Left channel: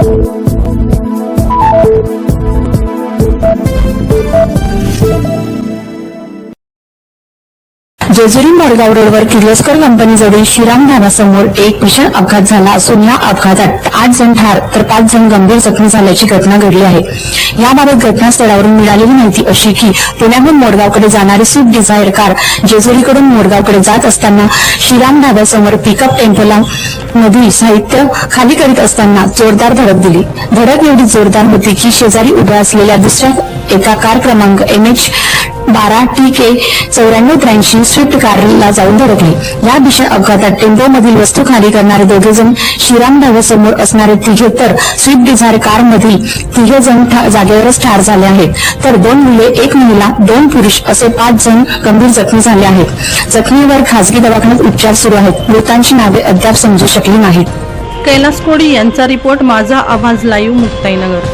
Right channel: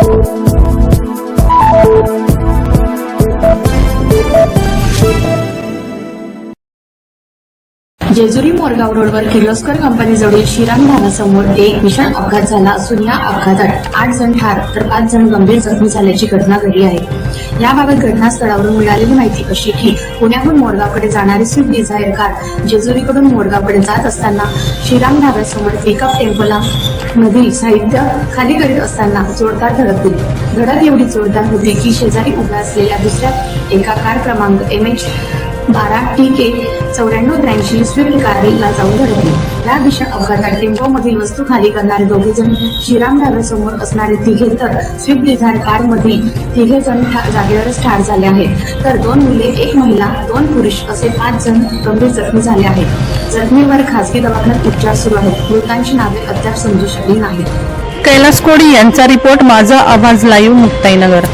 Thank you. Jejuri Madgaon रोडवर किर्लोस्कर कंपनीजवळील श्रीराम धाबासमोर एक भीषण अपघात झाला असून या अपघातात आठ जण ठार तर पाच जण गंभीर जखमी झाल्याची घटना घडली आहे. याबाबत घटनास्थळावरून मिळालेली माहिती अशी की पुण्याहून मोडगावकडे जाणारी स्विफ्ट डिझायर कार जेजुरीकडून मोडगावकडे जात असताना श्रीराम धाब्यासमोर पिकअप टेम्पोला मधील साहित्य खाली करीत असताना जोरदार धडक दिली. धडक एवढी जोरदार होती की शेजारी उभ्या असलेल्या दुसऱ्या एका कार क्रमांक एम एच बारा टी के चौऱ्याण्णव त्र्याऐंशी स्विफ्ट कारला जाऊन धडकली. या भीषण अपघातात टेम्पोमधील वस्तू खाली करणारे दोघे जण श्रीराम ढाब्यासमोर असणारे तिघे तर स्विफ्ट डिझायर कार मधील तिघे जण जागेवरच ठार झाले आहेत. तर दोन मुले एक महिला दोन पुरुष असे पाच जण गंभीर जखमी झाले आहेत. जखमीवर खासगी दवाखान्यात उपचार सुरू आहेत. मृतांची नावे अद्याप समजू शकली नाहीत. कैलास कोडी यांचा रिपोर्ट माझा आवाज लाईव्ह मुक्ताईनगर.